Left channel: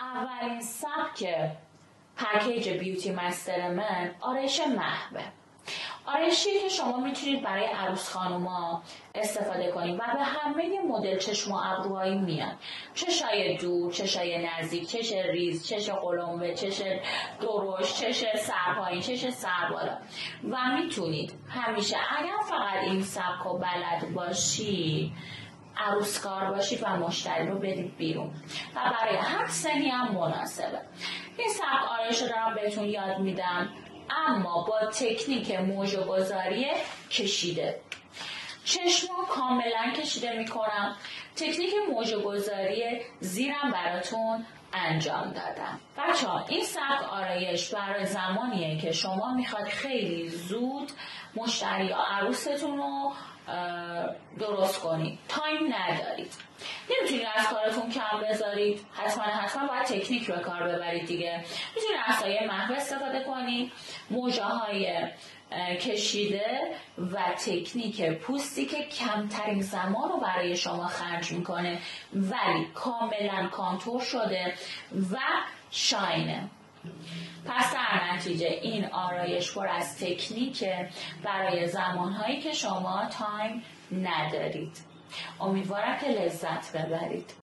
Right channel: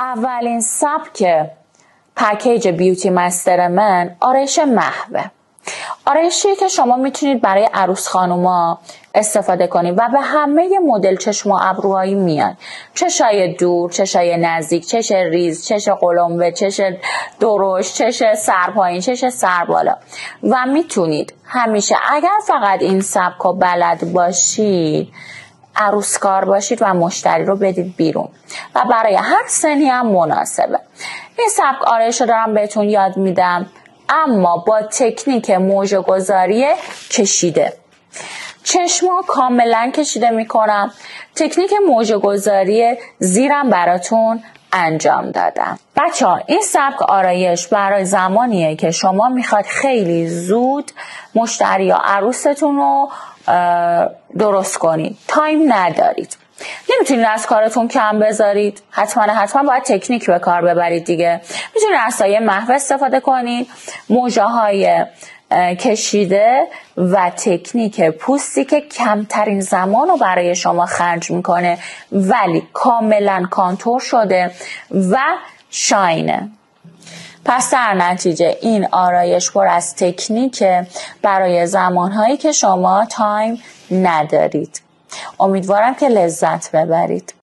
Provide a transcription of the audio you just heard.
اولین سبک پکیج بیوتی مستر من آرایش محوه. آرایشی که شما میتونید برای عروس خانوما استفاده کنید و به همه مدل چشم و ابروهایی میان. چشای دور، چشای نزدیک، چش ریز، چش قلمبه، چش درشت، چش سرپایین، چش سربالا. و میتونید همیشه اگر فقط این سبکو بلد باشید، عروسکار باشید و مشتری رو بدید بیرون و برای هر سنی هم مناسبه. این سبک آرایش رو دارم بهتون یاد میدم، اما با تکنیک موژه گذاری کشیده. چشما کاملا کشیده میکنم. تکنیک موژه گذاری زیرم براتون انجام دادم. بچه ها این سبک آرایش برای زمانیه که شما میخواد خیلی زود مشتری یا عروستون رو درست کنید. تایم ندارید، نمیتونید از کارتون کم بذارید، حتما باید تکنیک به کار ببرید دیگه. میتونید از سایه محو استفاده کنید، موژه های کشیده و تکنیک پوستی که کمترین زمان رو برای شما خرج میکنه ولی کاملا کانتور شده و شاینه. پس در نتیجه این آرایش پر از تکنیکه برای زمانهایی که شما تایم ندارید. امیدوارم که لذت ببرید.